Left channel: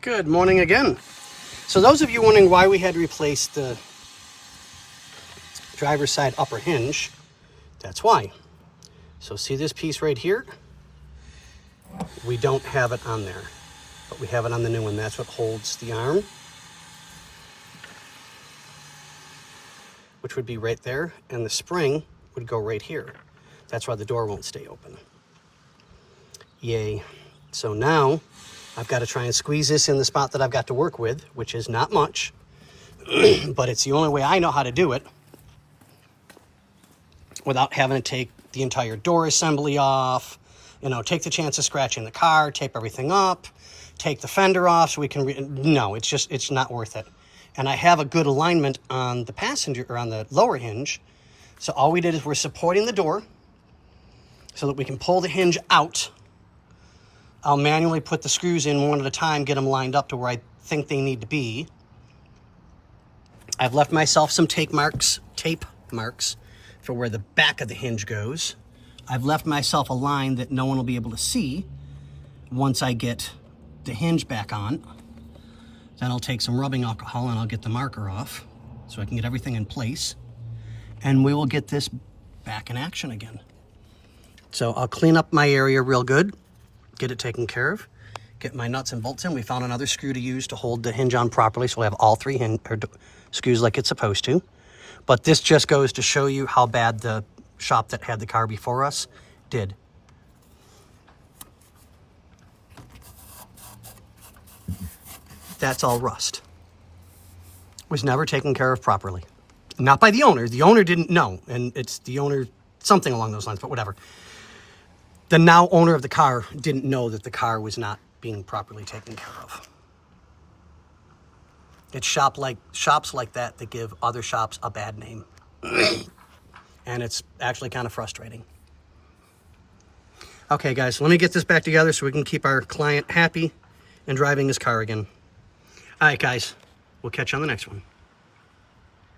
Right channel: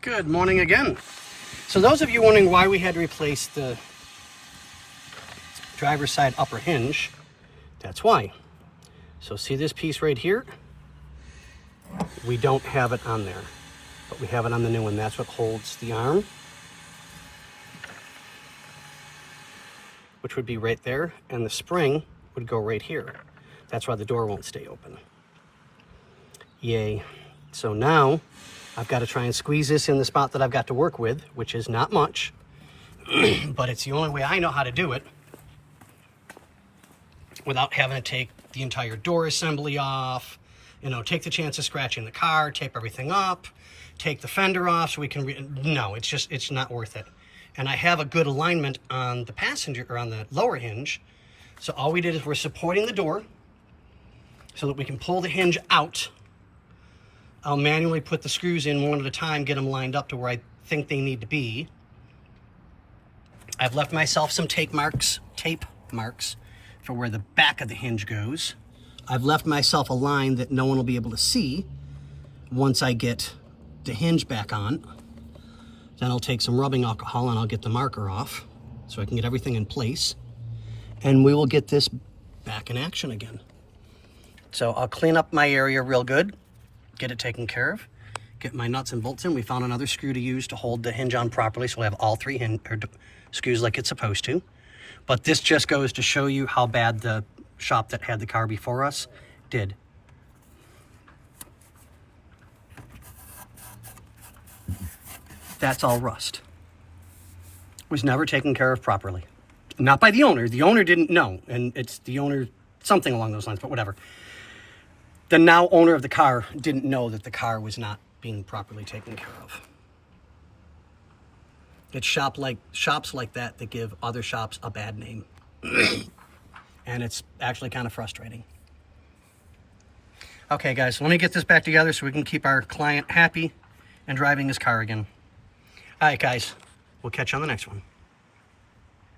Good morning again. So those of you wondering why we had to replace the driver's side upper hinge, that's why. So see this piece right here? We don't have it on there, but we have it on the new one. That's what holds the arm, which would be right there, and the spring would go right here. That's why the door won't stay open. Yay. So now I've got to try and squeeze this in the spot that I've got to work with, which is not much, but it's the only way I know how to do it without having to take the entire door assembly off, you know, take the chance of scratching the car, tape everything up, take the fender off so we can, no, it's not worth it. And I have a good alignment on the passenger, or on the lower hinge. So all we did is we're supporting the door so that we can pull the hinge out. I'll manually put the screws in one at a time, get them lined up to where I think they need to be. I've left myself some tape marks for where the back of the hinge goes. I've left myself a line that no one will be able to see once I get the hinge back on. Then I'll take some rubbing alcohol and I'll get the marker off so I can get everything in place. And we will get this back in action again. So I'll clean up my area real good, get it taken care of, get my nuts and bolts in. We found another screw to use to hold the hinge on properly, so we'll have all three screws like it's supposed to. But this just goes to show you how bad the shop that had the car before us did. That's all rust. Was never taken care of properly. Not by the owner. The owner didn't know, and it's the owner, something along those lines, but whatever. The now owner of the car didn't know that the car was not being properly taken care of. It's shops like that that give other shops a bad name. And it's actually kind of frustrating. Okay, guys, let me get this back together so we can keep our client happy and driving his car again. All right, guys, we'll catch you on the next one.